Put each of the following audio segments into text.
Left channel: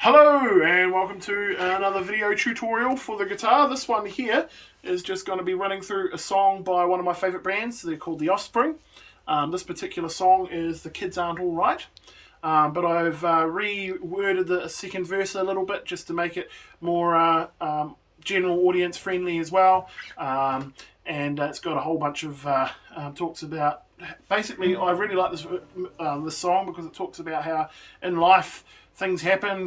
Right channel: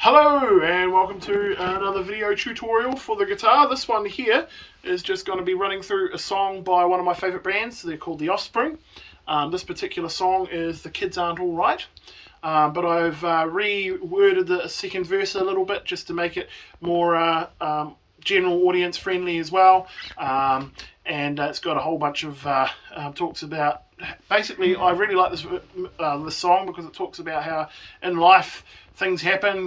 Hello and welcome to another video tutorial for the guitar. This one here is just going to be running through a song by one of my favourite bands. They're called the Offspring. This particular song is The Kids Aren't Alright, but I've reworded the second verse a little bit just to make it more general audience friendly as well, and it's got a whole bunch of talks about. Basically, I really like this song because it talks about how in life things happen,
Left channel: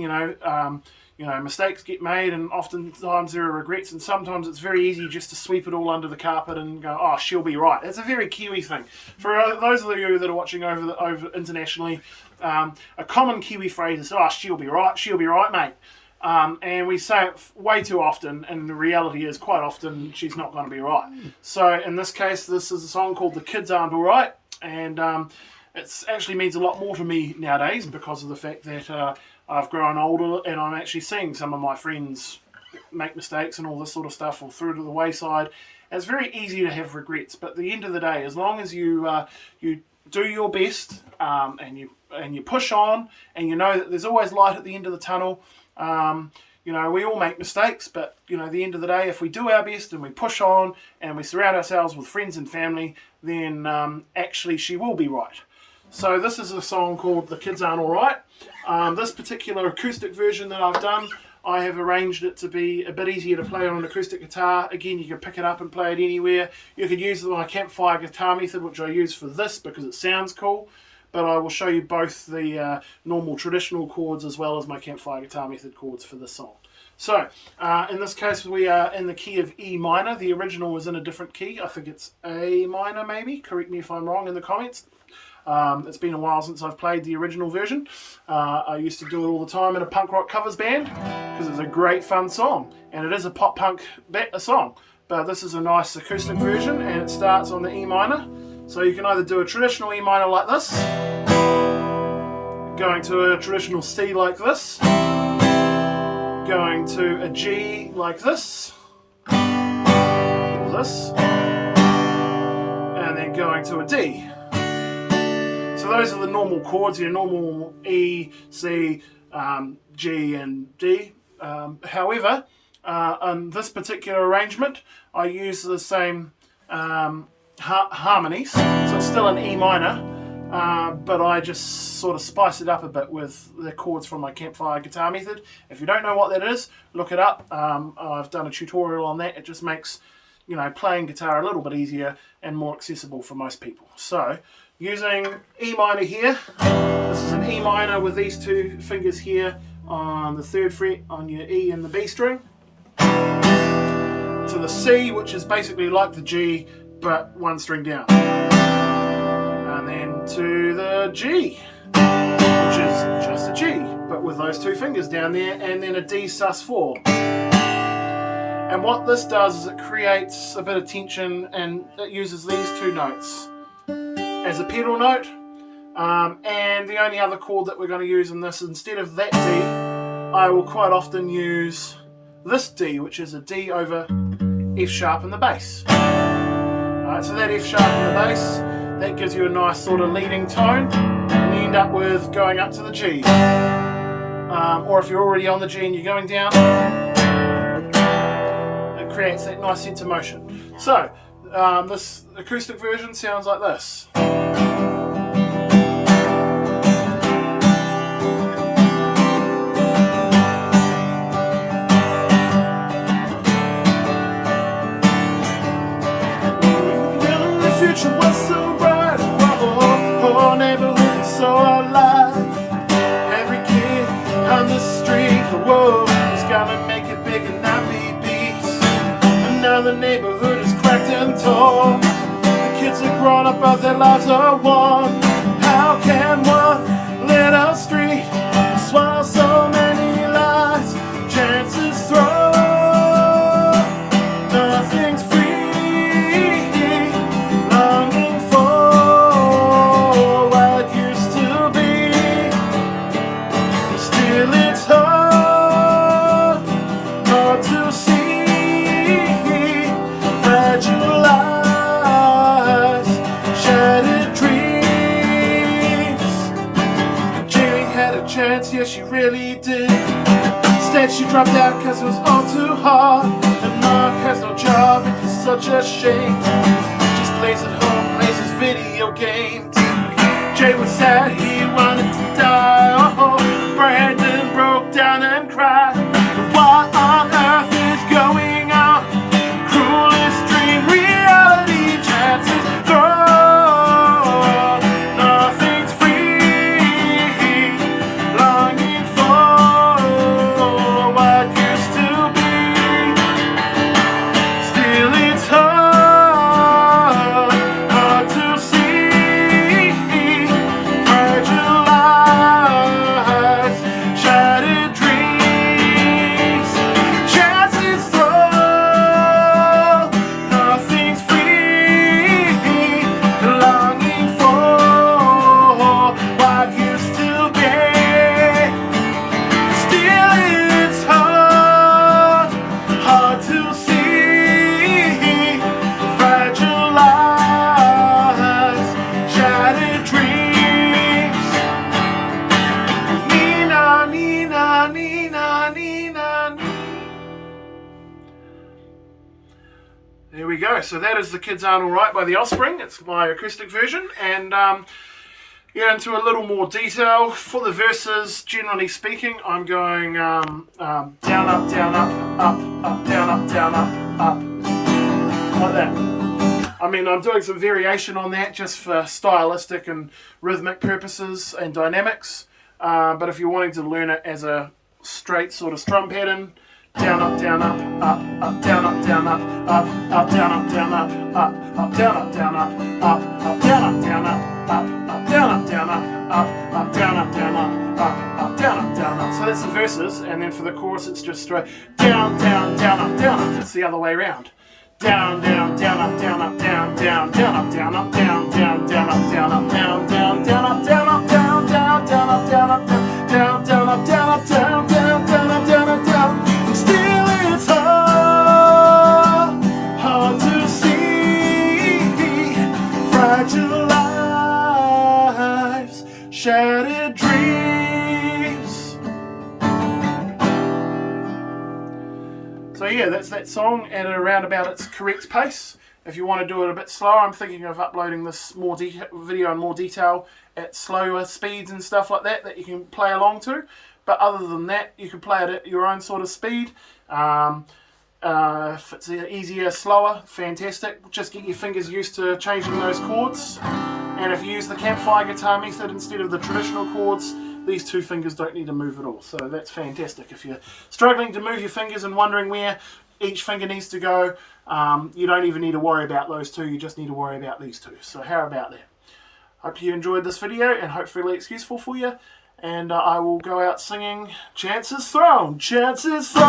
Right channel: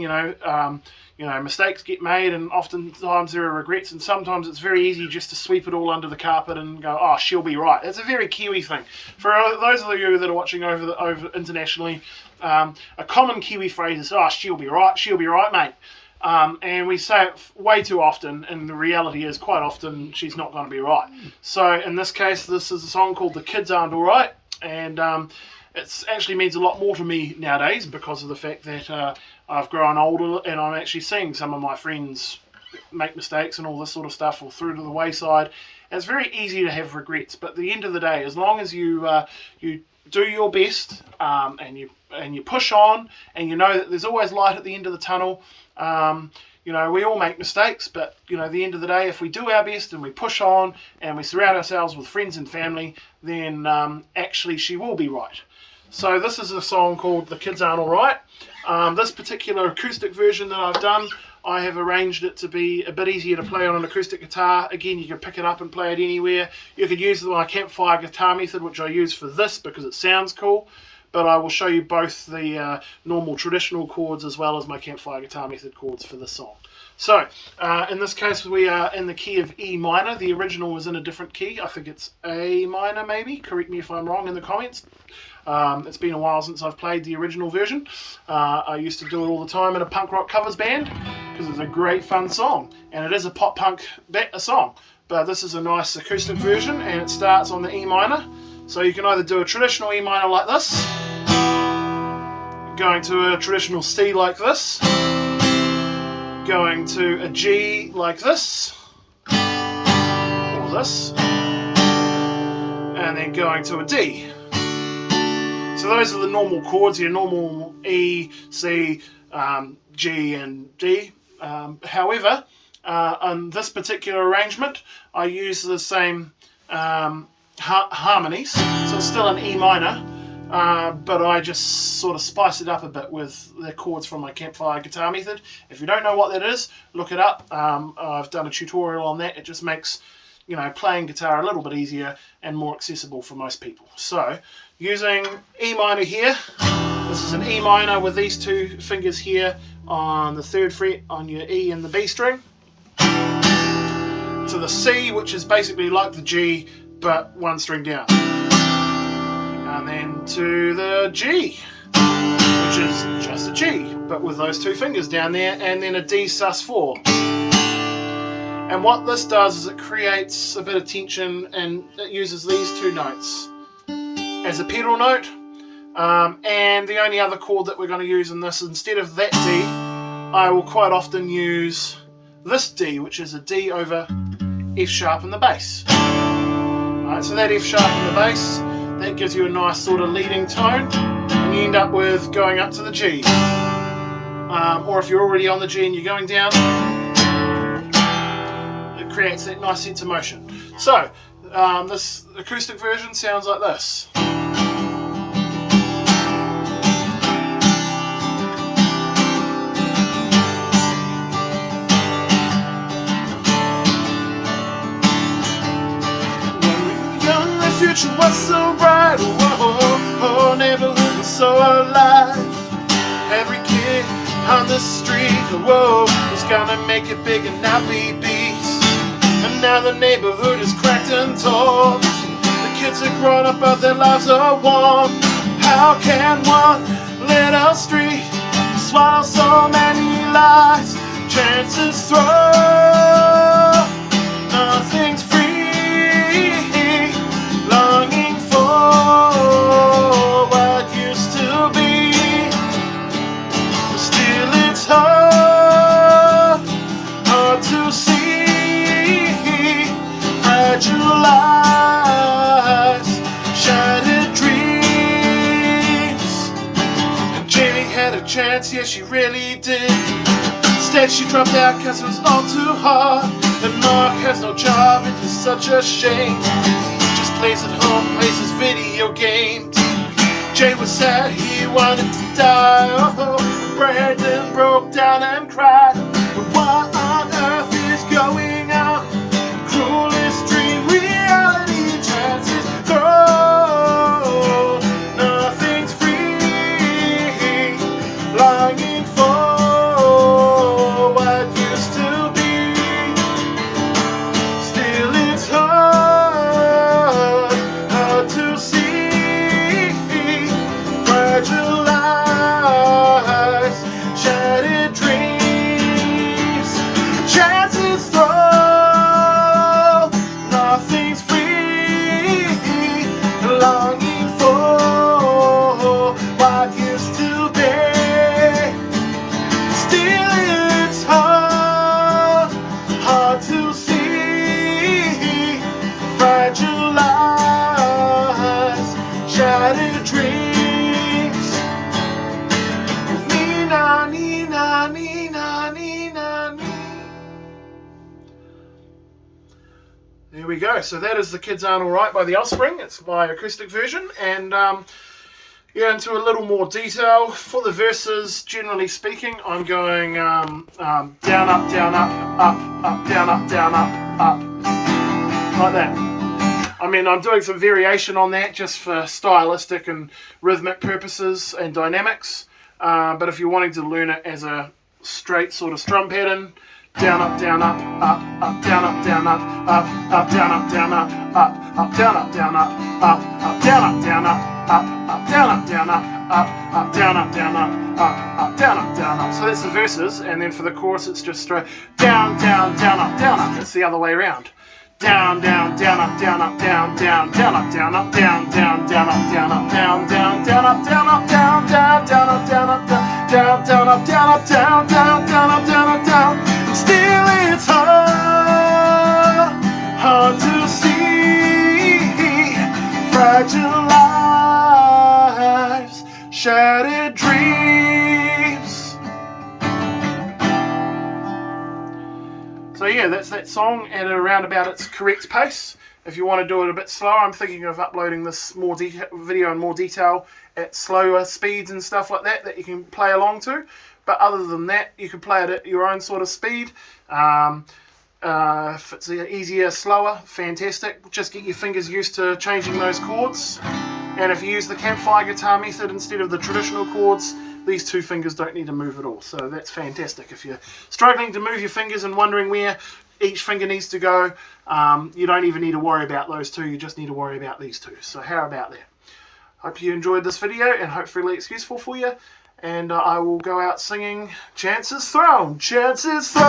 mistakes get made, and oftentimes there are regrets, and sometimes it's very easy just to sweep it all under the carpet and go, oh, she'll be right. It's a very Kiwi thing. For those of you that are watching over internationally, a common Kiwi phrase is, oh, she'll be right, mate. And we say it way too often, and the reality is quite often she's not going to be right. So in this case, this is a song called The Kids Aren't Alright, and it actually means a lot more to me nowadays because of the fact that I've grown older and I'm actually seeing some of my friends make mistakes and all this sort of stuff fall through to the wayside. And it's very easy to have regrets, but at the end of the day, as long as you do your best and you push on, and you know that there's always light at the end of the tunnel. We all make mistakes, but at the end of the day, if we do our best and we push on and we surround ourselves with friends and family, then actually she will be right. So this is a song called The Kids Aren't Alright. This particular acoustic version that I've done, I have arranged it to be a bit easier to play on an acoustic guitar. Again, you can pick it up and play it anywhere. You could use my campfire guitar method, which I use for this because it sounds cool. But I will show you both the normal traditional chords as well as my campfire guitar method chords for this song. So, in this case, we are in the key of E minor. The original was in a different key. I think it's A minor, maybe. Correct me if I'm wrong in the comments. It's been a while since I've played the original version. I used to do it all the time in a punk rock covers band because it's a great fun song, and it is a pop punk song. But this is a nice acoustic version, and it starts on the E minor. So you can either do a traditional E minor like this, going to a traditional C like this, going to a G like this, or this, and then going to a D. So those are the normal chords, your normal E, C, G and D. However, in this particular arrangement, I use the same harmonies, so it's still an E minor, but I just sort of spice it up a bit with the chords from my campfire guitar method. If you don't know what that is, look it up. I've done a tutorial on that. It just makes playing guitar a little bit easier and more accessible for most people. So using E minor here, this is an E minor with these two fingers here on the 3rd fret on your E and the B string, to the C, which is basically like the G but one string down, and then to the G, which is just a G but with those two fingers down there, and then a D sus4. And what this does is it creates a bit of tension, and it uses these two notes as a pedal note, and the only other chord that we're going to use in this, instead of that D, I will quite often use this D, which is a D over F sharp in the bass. So that F sharp in the bass, that gives you a nice sort of leading tone, and you end up with going up to the G. Or if you're already on the G and you're going down, it creates that nice sense of motion. So this acoustic version sounds like this. The future was so bright, whole neighborhood was so alive. Every kid on the street, was gonna make it big and not be beast. And now the neighborhood is cracked and torn. The kids are grown up, but their lives are warm. How can one little street swallow so many lives? Chances thrown, nothing's free. Longing for what used to be, still it's hard to see. Fragile eyes, shattered dreams. Jimmy had had a chance, yeah, she really did. Instead she dropped out cause it was all too hard. And Mark has no job, it is such a shame. Just plays at home, plays his video games. Jay was sad, he wanted to die. Oh, Brandon broke down and cried. But what on earth is going on? Cruelest dream, reality, chances thrown. Nothing's free, longing for what used to be. Still it's hard to see. Fragile lives, shattered dreams, chances thrown. Nothing's free, longing for what used to be. Still it's hard to see. Fragile lives, shattered dreams. Nina, Nina, Nina, Nina, Nina. There we go. So that is The Kids Aren't Alright by The Offspring. It's my acoustic version. And yeah, into a little more detail. For the verses, generally speaking, I'm going down, up, down, up, up, down, up, down, up, like that. I mean, I'm doing some variation on that just for stylistic and rhythmic purposes and dynamics. But if you're wanting to learn it as a straight sort of strum pattern, down, up, down, up, down, up, down, up, down, up, down, up, down, up, down, up, down, up, down, up, down, up, down, up, down, up, down, up, down, up, down, up. So that's the verses, and then for the chorus, it's just straight down, down, down, up, down, up. It's the other way around. Down, down, down, up, down, up, down, down, down, up, down, up, down, down, down, up, down, up, down, down, down, up, down, up, down, down, down, up, down, up, down, down, down, up, down, up, down, down, down, up, down, up, down. And still it's hard to see. Fragile lives, shattered dreams. So yeah, that's that song at around about its correct pace. If you want to do it a bit slower, I'm thinking of uploading this more video in more detail at slower speeds and stuff like that you can play along to. But other than that, you can play it at your own sort of speed. If it's easier, slower, fantastic. Just get your fingers used to changing those chords. And if you use the campfire guitar method instead of the traditional chords, these two fingers don't need to move at all. So that's fantastic. If you're struggling to move your fingers and wondering where each finger needs to go, you don't even need to worry about those two. You just need to worry about these two. So how about that? Hope you enjoyed this video and hopefully it's useful for you. And I will go out singing Chances Thrown, Chances Thrown.